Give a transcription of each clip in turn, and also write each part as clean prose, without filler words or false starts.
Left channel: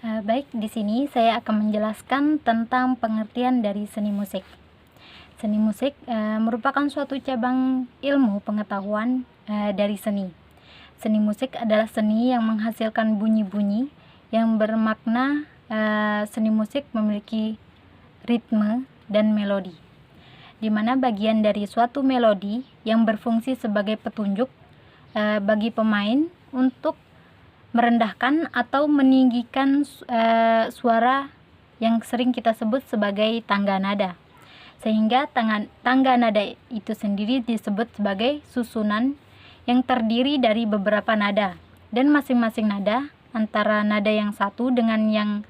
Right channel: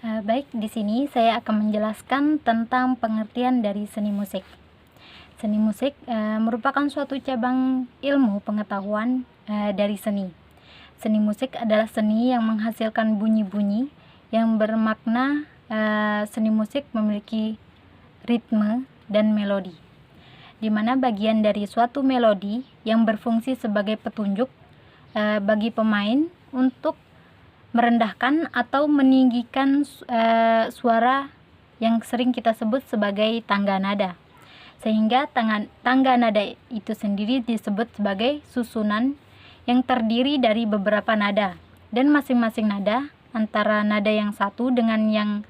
Baik, di sini saya akan menjelaskan tentang pengertian dari seni musik. Seni musik merupakan suatu cabang ilmu pengetahuan dari seni. Seni musik adalah seni yang menghasilkan bunyi-bunyi yang bermakna. Seni musik memiliki ritme dan melodi, di mana bagian dari suatu melodi yang berfungsi sebagai petunjuk bagi pemain untuk merendahkan atau meninggikan suara yang sering kita sebut sebagai tangga nada. Sehingga tangga nada itu sendiri disebut sebagai susunan yang terdiri dari beberapa nada, dan masing-masing nada antara nada yang satu dengan yang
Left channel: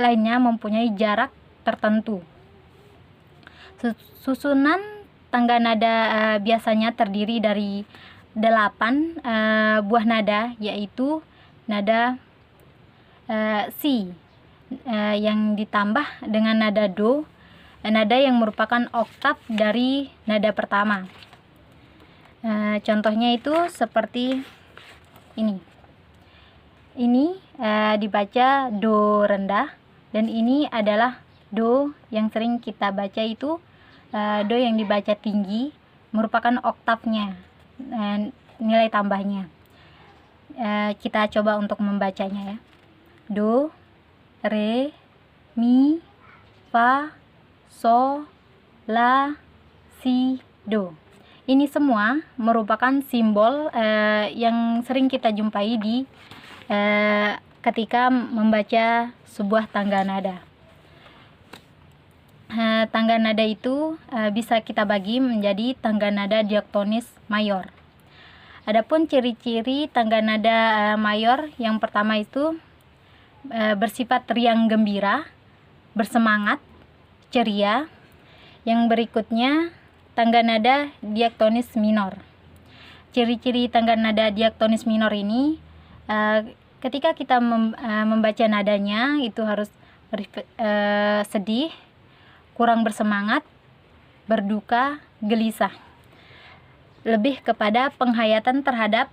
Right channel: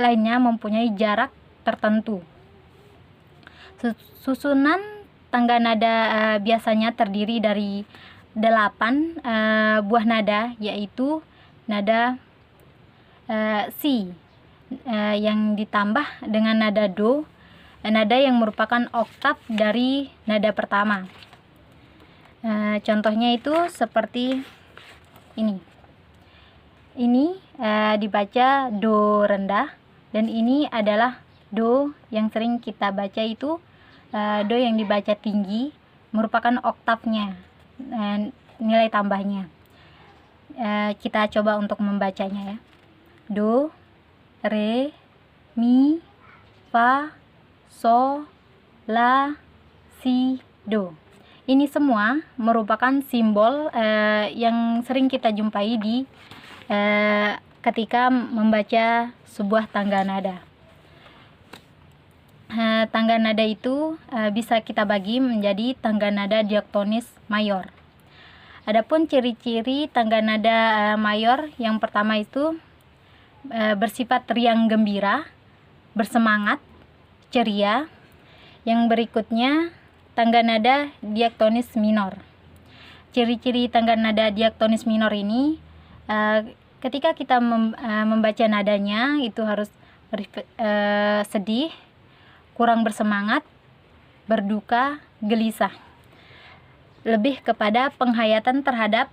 lainnya mempunyai jarak tertentu. Susunan tangga nada biasanya terdiri dari 8 buah nada, yaitu nada Si yang ditambah dengan nada Do, nada yang merupakan oktav dari nada pertama. Contohnya itu seperti ini. Ini dibaca Do rendah, dan ini adalah Do yang sering kita baca itu Do yang dibaca tinggi, merupakan oktavnya, nilai tambahnya. Kita coba untuk membacanya ya. Do, re, mi, fa, so, la, si, do. Ini semua merupakan simbol yang sering kita jumpai di ketika membaca sebuah tangga nada. Tangga nada itu bisa kita bagi menjadi tangga nada diaktonis mayor. Adapun ciri-ciri tangga nada mayor, yang pertama itu bersifat riang gembira, bersemangat, ceria. Yang berikutnya tangga nada diaktonis minor. Ciri-ciri tangga nada diaktonis minor ini, ketika kita membaca nadanya itu harus sedih, kurang bersemangat, berduka, gelisah. Lebih kepada penghayatan terhadap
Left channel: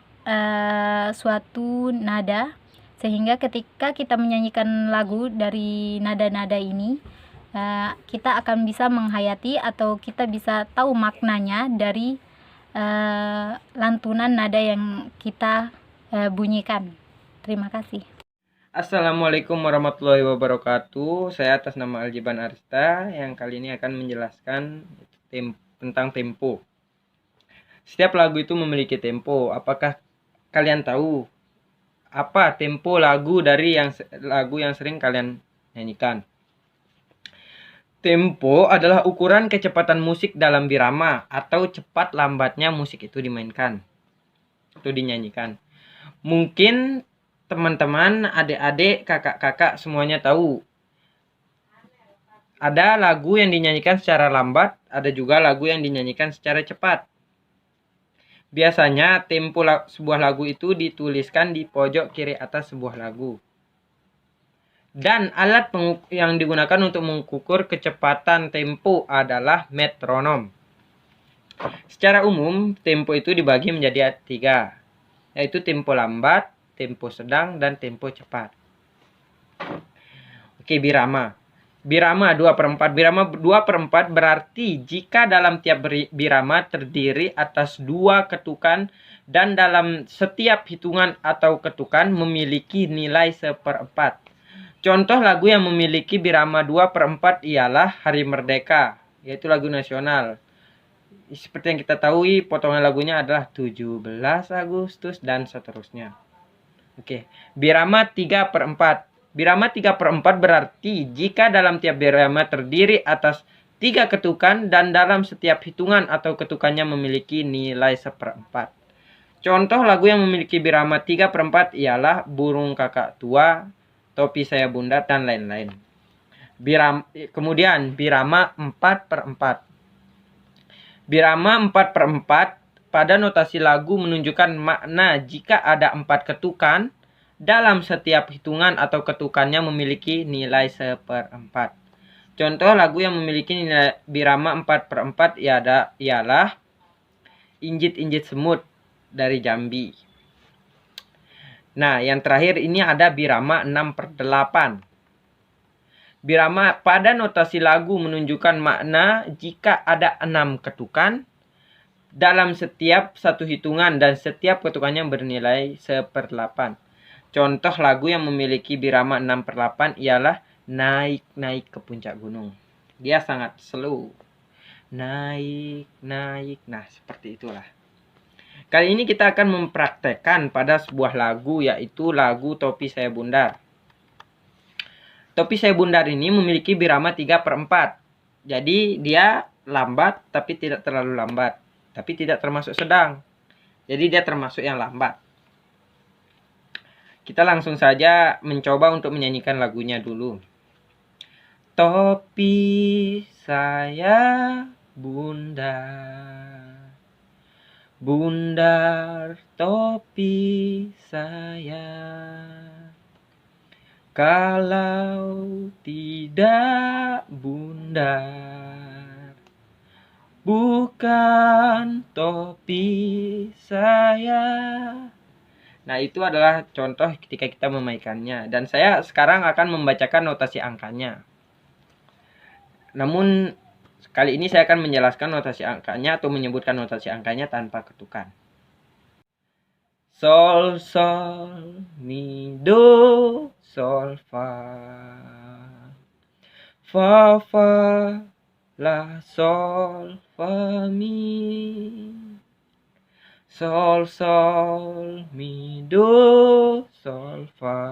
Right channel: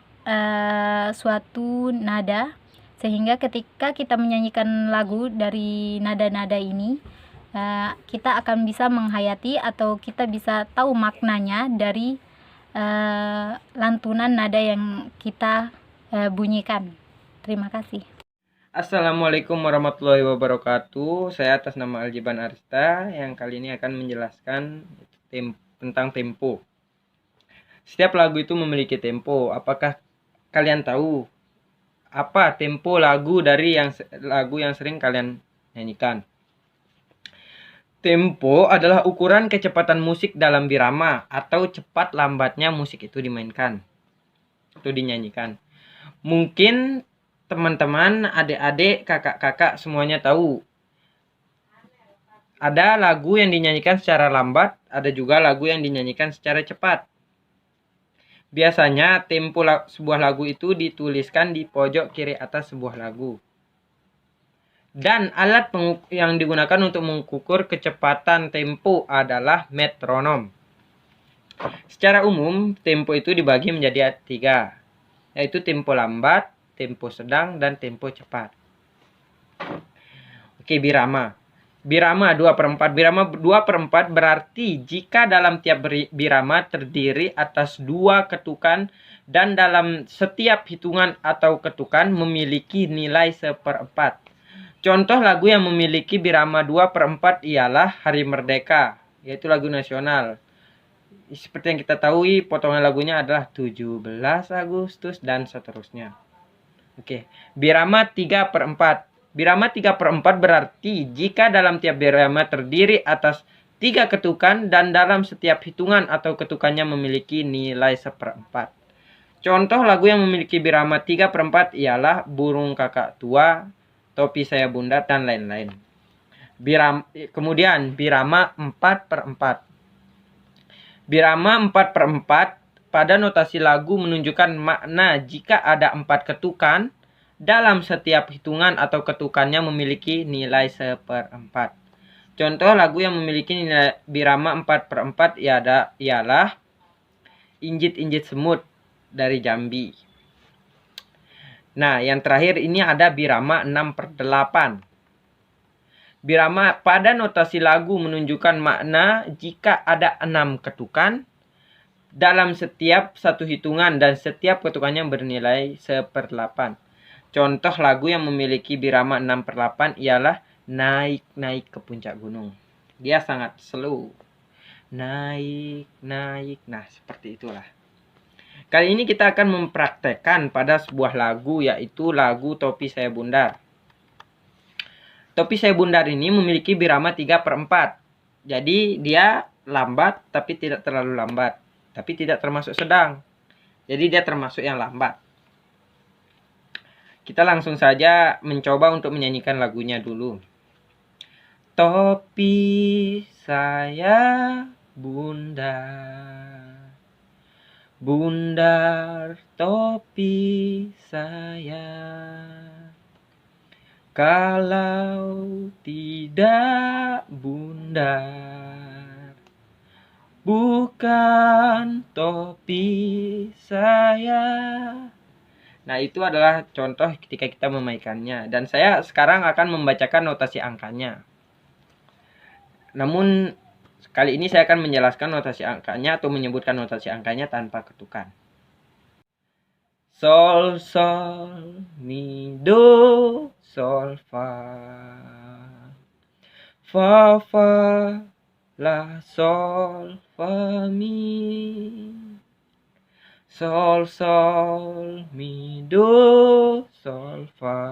suatu nada, sehingga ketika kita menyanyikan lagu dari nada-nada ini, kita akan bisa menghayati atau kita bisa tahu maknanya dari lantunan nada yang kita bunyikan. Terima kasih. Assalamualaikum warahmatullahi wabarakatuh. Saya atas nama Aljiban Arista yang kali ini akan menjelaskan tentang tempo. Setiap lagu itu memiliki tempo. Apakah kalian tahu apa tempo lagu dari lagu yang sering kalian nyanyikan? Tempo adalah ukuran kecepatan musik dalam birama atau cepat lambatnya musik itu dimainkan atau dinyanyikan. Mungkin teman-teman, adik-adik, kakak-kakak semuanya tahu. Ada lagu yang dinyanyikan secara lambat, ada juga lagu yang dinyanyikan secara cepat. Biasanya tempo sebuah lagu itu dituliskan di pojok kiri atas sebuah lagu. Dan alat yang digunakan untuk mengukur kecepatan tempo adalah metronom. Secara umum, tempo itu dibagi menjadi 3, yaitu tempo lambat, tempo sedang, dan tempo cepat. Oke, birama. Birama 2/4. Birama 2/4 berarti jika dalam tiap birama terdiri atas 2 ketukan dan dalam setiap hitungan atau ketukan memiliki nilai 1/4. Contoh lagu yang memiliki birama 2/4 ialah Hari Merdeka, yaitu lagu nasional. Seperti yang kita tahu, potongan lagunya adalah 17 Agustus dan seterusnya. Oke, birama 3/4. Birama 3/4 berarti jika dalam tiap birama terdiri atas 3 ketukan dan dalam setiap hitungan atau ketukannya memiliki nilai 1/4. Contoh lagu yang memiliki birama 3/4 ialah Burung Kakak Tua, Topi Saya Bunda, dan lain-lain. Kemudian birama 4/4. Birama 4/4 pada notasi lagu menunjukkan makna jika ada 4 ketukan dalam setiap hitungan atau ketukannya memiliki nilai 1/4. Contoh lagu yang memiliki nilai birama 4/4 ialah Injit-Injit Semut dari Jambi. Nah, yang terakhir ini ada birama 6/8. Birama pada notasi lagu menunjukkan makna jika ada 6 ketukan dalam setiap satu hitungan dan setiap ketukannya bernilai 1/8. Contoh lagu yang memiliki birama 6/8 ialah Naik-naik ke puncak gunung. Dia sangat slow. Naik, naik. Nah, seperti itulah. Kali ini kita akan mempraktekkan pada sebuah lagu, yaitu lagu Topi Saya Bundar. Topi Saya Bundar ini memiliki birama 3/4. Jadi dia lambat tapi tidak terlalu lambat. Tapi tidak termasuk sedang. Jadi dia termasuk yang lambat. Kita langsung saja mencoba untuk menyanyikan lagunya dulu. Topi saya bundar, bundar topi saya. Kalau tidak bundar, bukan topi saya. Nah, itu adalah contoh ketika kita memainkannya. Dan saya sekarang akan membacakan notasi angkanya. Namun, kali ini saya akan menjelaskan notasi angkanya atau menyebutkan notasi angkanya tanpa ketukan. Sol, sol, mi, do, sol, fa. Fa, fa, la, sol, fa, mi. Sol, sol, mi, do, sol, fa.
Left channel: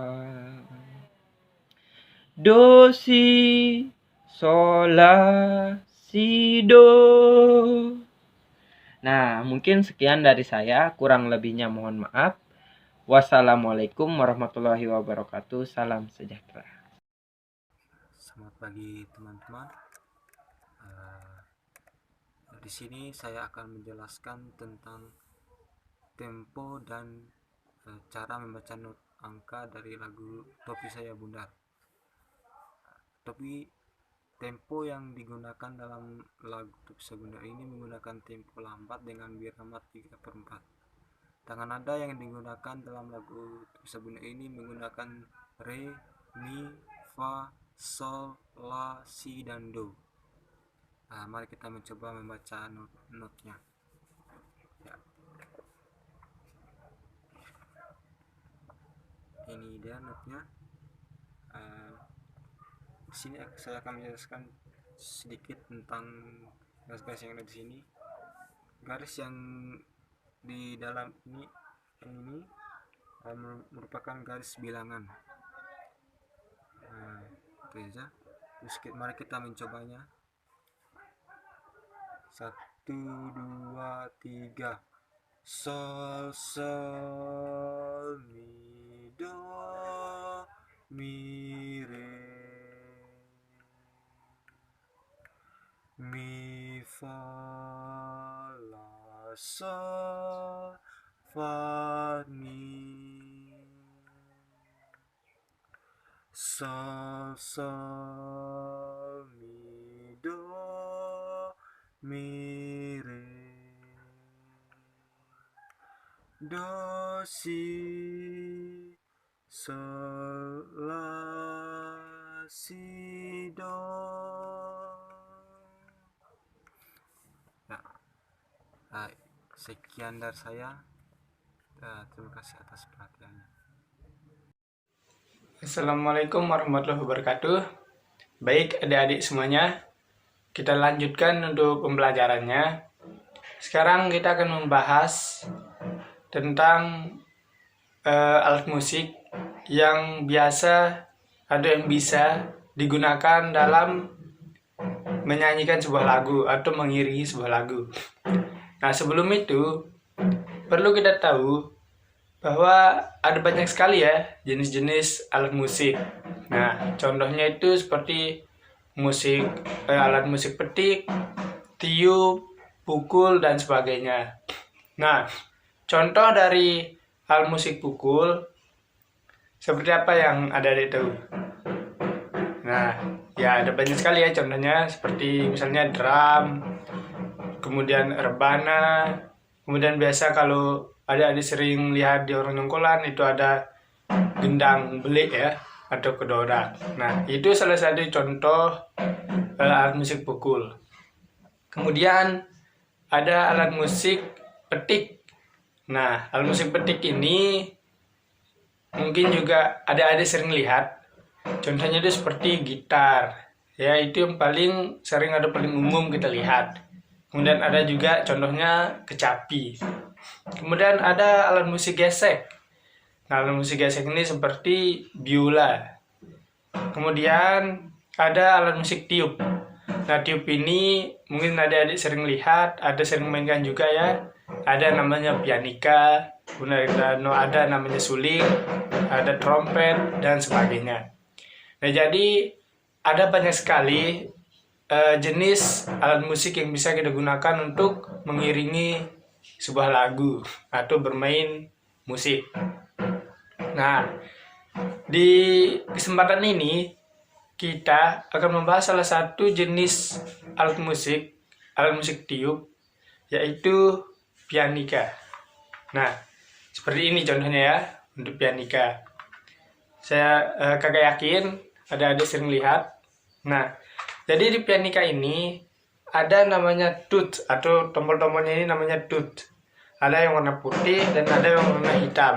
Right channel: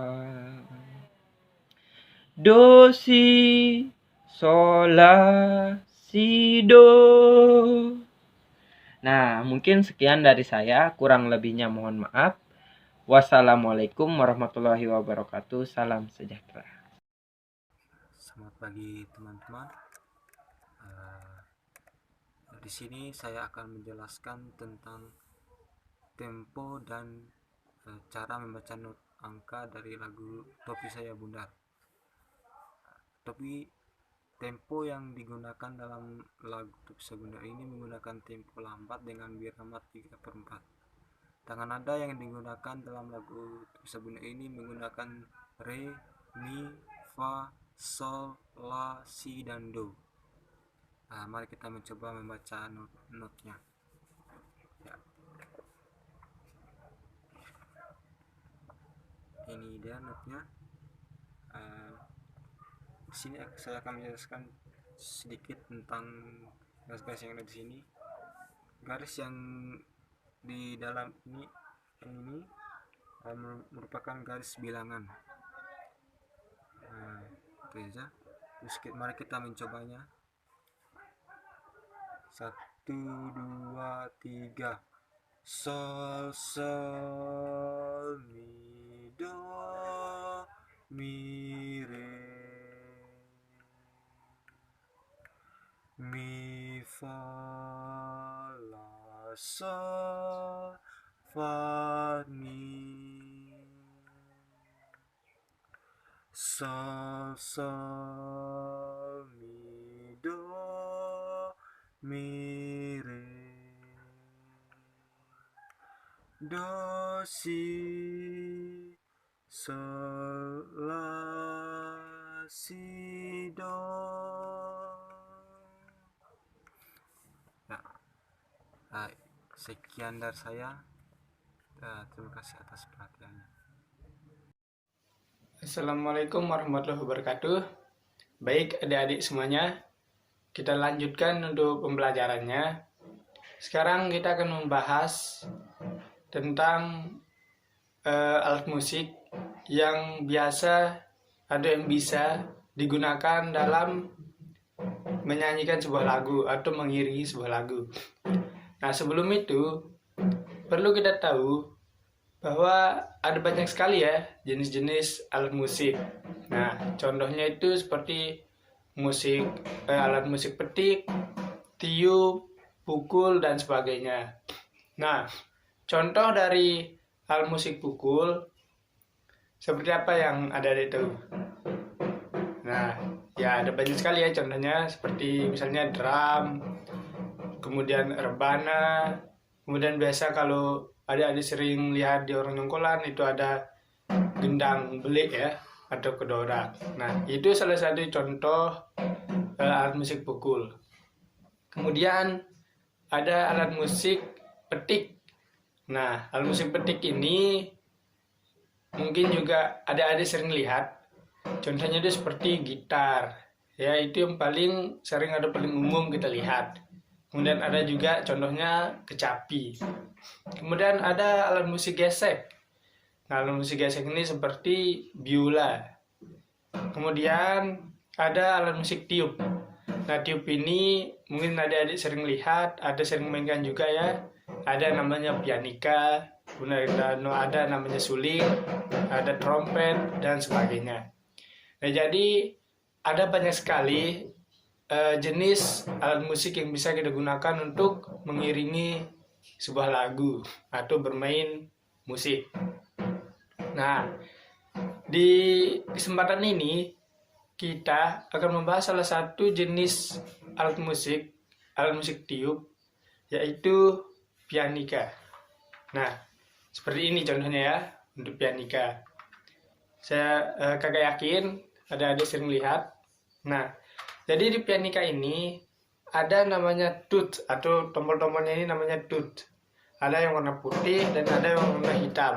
Do, si, sol, la, si, do. Nah, mungkin sekian dari saya. Kurang lebihnya mohon maaf. Wassalamualaikum warahmatullahi wabarakatuh. Salam sejahtera. Selamat pagi teman-teman. Di sini saya akan menjelaskan tentang tempo dan cara membaca not angka dari lagu Topi Saya Bundar. Tapi tempo yang digunakan dalam lagu Topi Saya Bundar ini menggunakan tempo lambat dengan birama 3/4. Tangan nada yang digunakan dalam lagu Topi Saya Bundar ini menggunakan re, mi, fa, sol, la, si, dan do. Nah, mari kita mencoba membaca notnya. Ya. Ini dia notnya. Di sini saya akan menjelaskan sedikit tentang garis-garis yang ada di sini. Garis yang di dalam ini merupakan garis bilangan. Nah, itu saja. Terus mari kita mencobanya. 1, 2, 3. Sol, sol, mi, do, mi, re, mi, fa, la, sol, fa, mi. Sol, sol, mi, do, mi, re, do, si, sol, la, si, do. Nah, sekian dari saya. Terima kasih atas perhatiannya. Assalamualaikum warahmatullahi wabarakatuh. Baik adik-adik semuanya, kita lanjutkan untuk pembelajarannya. Sekarang kita akan membahas tentang alat musik yang biasa ada yang bisa digunakan dalam menyanyikan sebuah lagu atau mengiringi sebuah lagu. Nah, sebelum itu perlu kita tahu bahwa ada banyak sekali ya jenis-jenis alat musik. Nah, contohnya itu seperti alat musik petik, tiup, pukul, dan sebagainya. Nah, contoh dari alat musik pukul seperti apa yang ada di itu? Nah, ya ada banyak sekali ya contohnya, seperti misalnya drum, kemudian rebana, kemudian biasa kalau adik-adik sering lihat di orang nyongkolan itu ada gendang belik ya, atau kedorak. Nah, itu salah satu contoh alat musik pukul. Kemudian ada alat musik petik. Nah, alat musik petik ini mungkin juga adik-adik sering lihat. Contohnya itu seperti gitar. Ya, itu yang paling sering atau paling umum kita lihat. Kemudian ada juga contohnya kecapi. Kemudian ada alat musik gesek. Nah, alat musik gesek ini seperti biola. Kemudian ada alat musik tiup. Nah, tiup ini mungkin adik-adik sering lihat, ada sering mainkan juga ya. Ada namanya pianika, kemudian ada namanya suling, ada trompet, dan sebagainya. Nah, jadi ada banyak sekali jenis alat musik yang bisa kita gunakan untuk mengiringi sebuah lagu atau bermain musik. Nah, di kesempatan ini kita akan membahas salah satu jenis alat musik tiup, yaitu pianika. Nah, seperti ini contohnya ya untuk pianika. Saya kagak yakin ada sering lihat. Nah, jadi di pianika ini ada namanya tut, atau tombol-tombolnya ini namanya tut. Ada yang warna putih dan ada yang warna hitam.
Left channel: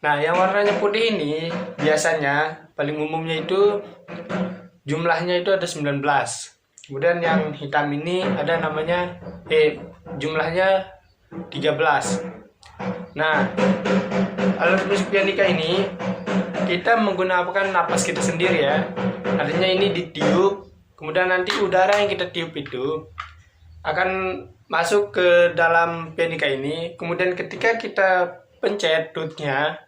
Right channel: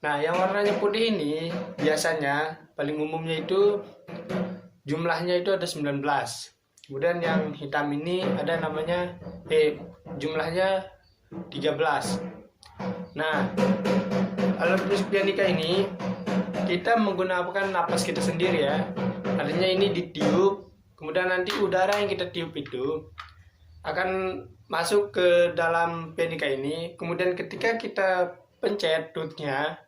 Nah, yang warnanya putih ini biasanya paling umumnya itu jumlahnya itu ada 19. Kemudian yang hitam ini ada namanya jumlahnya 13. Nah, alat musik pianika ini kita menggunakan napas kita sendiri ya. Artinya ini ditiup, kemudian nanti udara yang kita tiup itu akan masuk ke dalam pianika ini. Kemudian ketika kita pencet tutnya,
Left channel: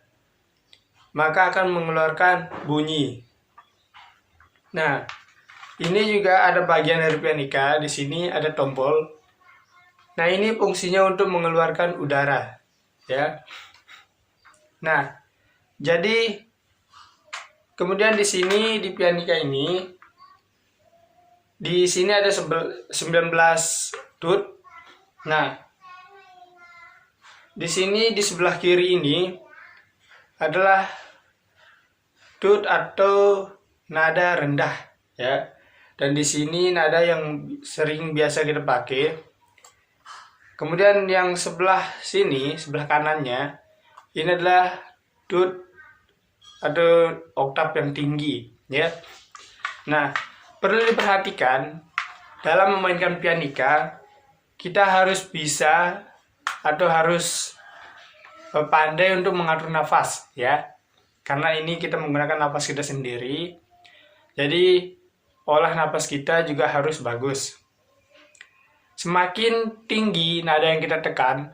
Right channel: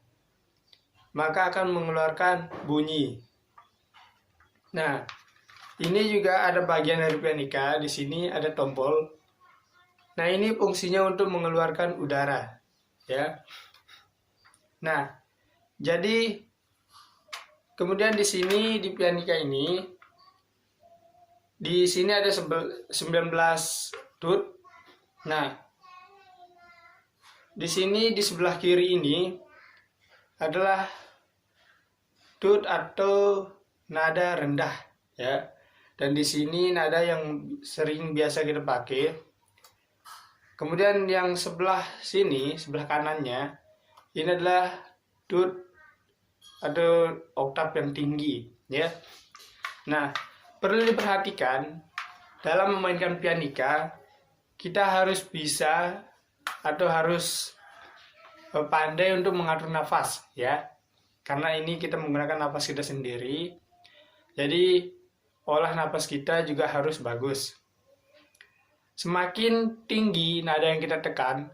maka akan mengeluarkan bunyi. Nah, ini juga ada bagian dari pianika. Di sini ada tombol. Nah, ini fungsinya untuk mengeluarkan udara, ya. Nah, jadi kemudian di sini di pianika ini, di sini ada 19 tut. Nah, di sini di sebelah kiri ini adalah tut atau nada rendah, ya. Dan di sini nada yang sering biasa kita pakai. Kemudian yang sebelah sini, sebelah kanannya, ini adalah tut atau oktav yang tinggi, ya. Nah, perlu diperhatikan dalam memainkan pianika, kita harus bisa atau harus pandai untuk mengatur nafas, ya. Karena ini kita menggunakan nafas kita sendiri. Jadi olah nafas kita juga harus bagus. Semakin tinggi nada yang kita tekan,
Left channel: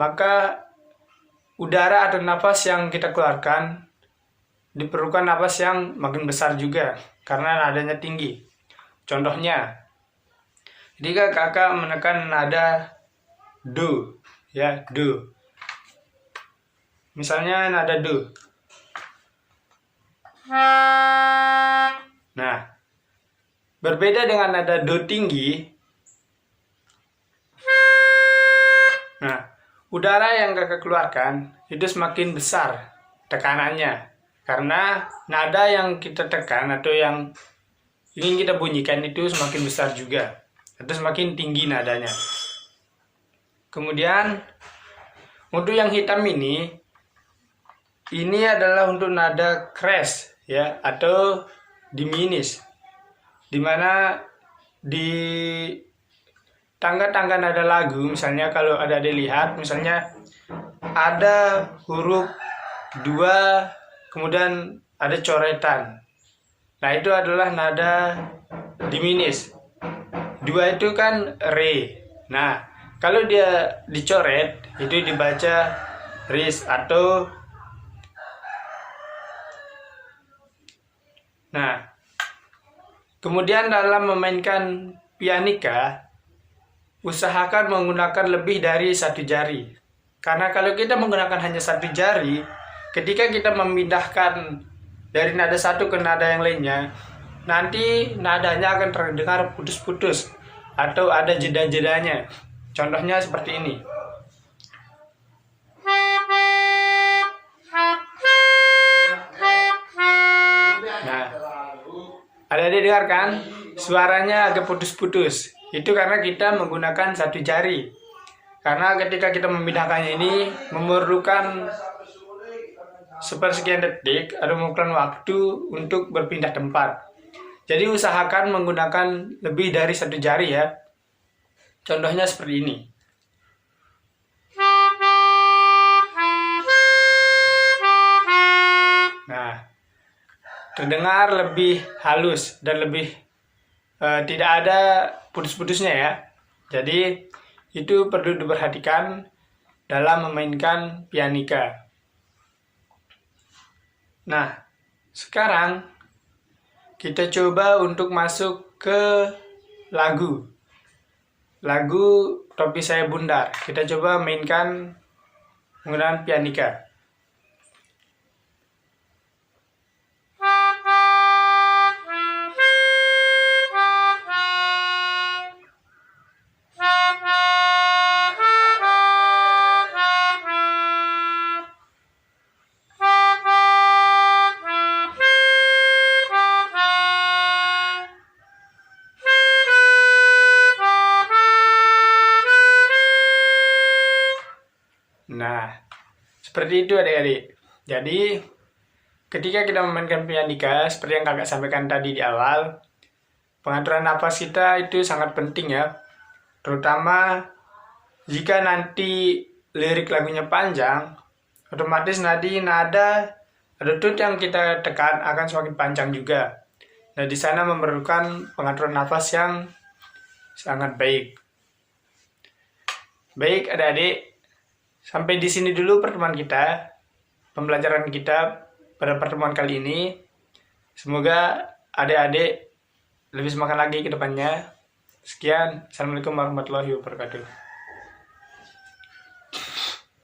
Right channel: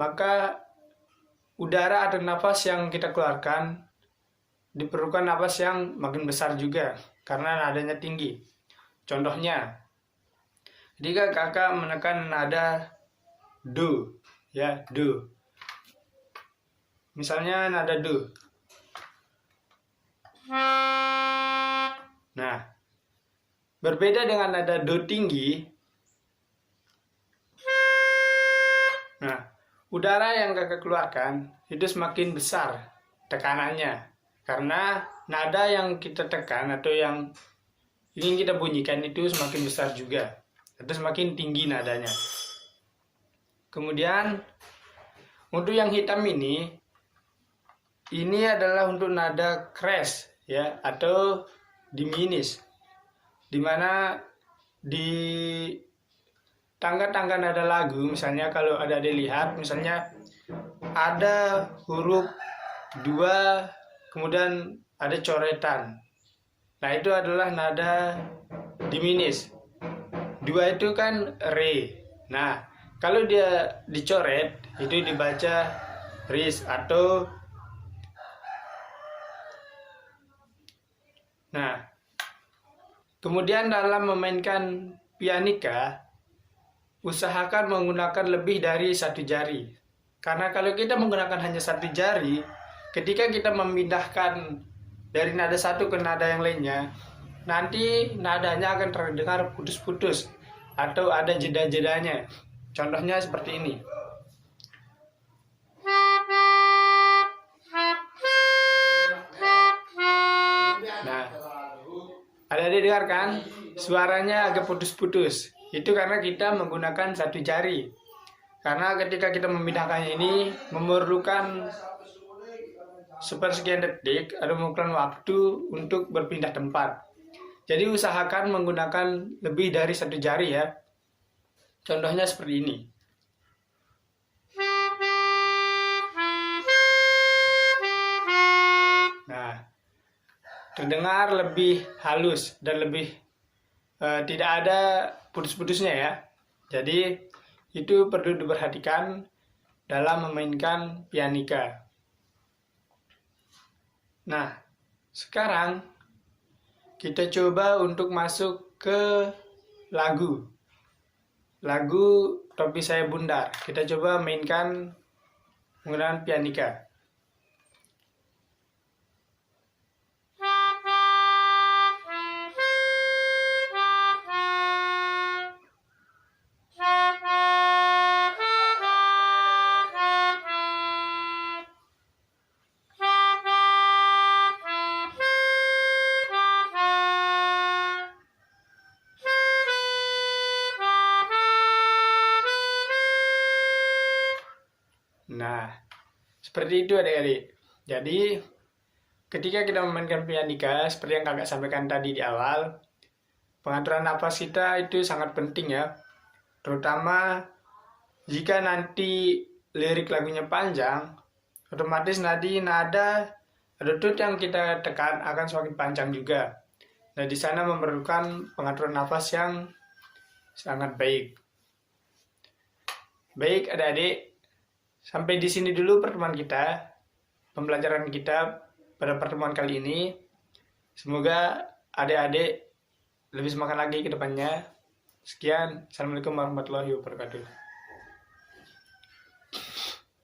maka udara atau nafas yang kita keluarkan diperlukan nafas yang makin besar juga karena nadanya tinggi. Contohnya, jika kakak menekan nada do, ya, do. Misalnya nada do. Nah, berbeda dengan nada do tinggi. Nah, udara yang kakak keluarkan itu semakin besar tekanannya. Karena nada yang kita tekan atau yang ingin kita bunyikan itu semakin besar juga. Atau semakin tinggi nadanya. Kemudian, untuk yang hitam ini adalah untuk nada crash, ya, atau diminis, dimana di tangga-tangga nada lagu, misalnya kalau ada dilihat, misalnya ada huruf 2, kemudian ada coretan. Nah, itu adalah nada diminis. 2 itu kan re. Nah, kalau dia dicoret, itu dibaca ris atau. Nah, kemudian dalam memainkan pianika, usahakan menggunakan lebih dari satu jari. Karena kalau kita menggunakan hanya satu jari, ketika kita memindahkan dari nada satu ke nada yang lainnya, nanti nadanya akan terdengar putus-putus atau ada jeda-jedanya. Contohnya seperti ini. Adik-adik dengar kan? Suaranya agak putus-putus. Itu karena kita menggunakan satu jari. Karena ketika kita memindahkannya ini memerlukan sepersekian detik atau memerlukan waktu untuk berpindah tempat. Jadi usahakan menggunakan lebih dari satu jari ya. Contohnya seperti ini. Nah, terdengar lebih halus dan lebih tidak ada putus-putusnya ya. Jadi itu perlu diperhatikan dalam memainkan pianika. Nah, sekarang kita coba untuk masuk ke lagu Topi Saya Bundar. Kita coba mainkan menggunakan pianika. Nah, seperti itu adik-adik. Jadi, ketika kita memainkan pianika, seperti yang kakak sampaikan tadi di awal, pengaturan napas kita itu sangat penting ya. Terutama jika nanti lirik lagunya panjang, otomatis nanti nada atau tut yang kita tekan akan semakin panjang juga. Nah, di sana memerlukan pengaturan nafas yang sangat baik. Baik adik-adik, sampai di sini dulu pertemuan kita, pembelajaran kita pada pertemuan kali ini. Semoga adik-adik lebih semangat lagi ke depannya. Sekian, Assalamualaikum warahmatullahi wabarakatuh.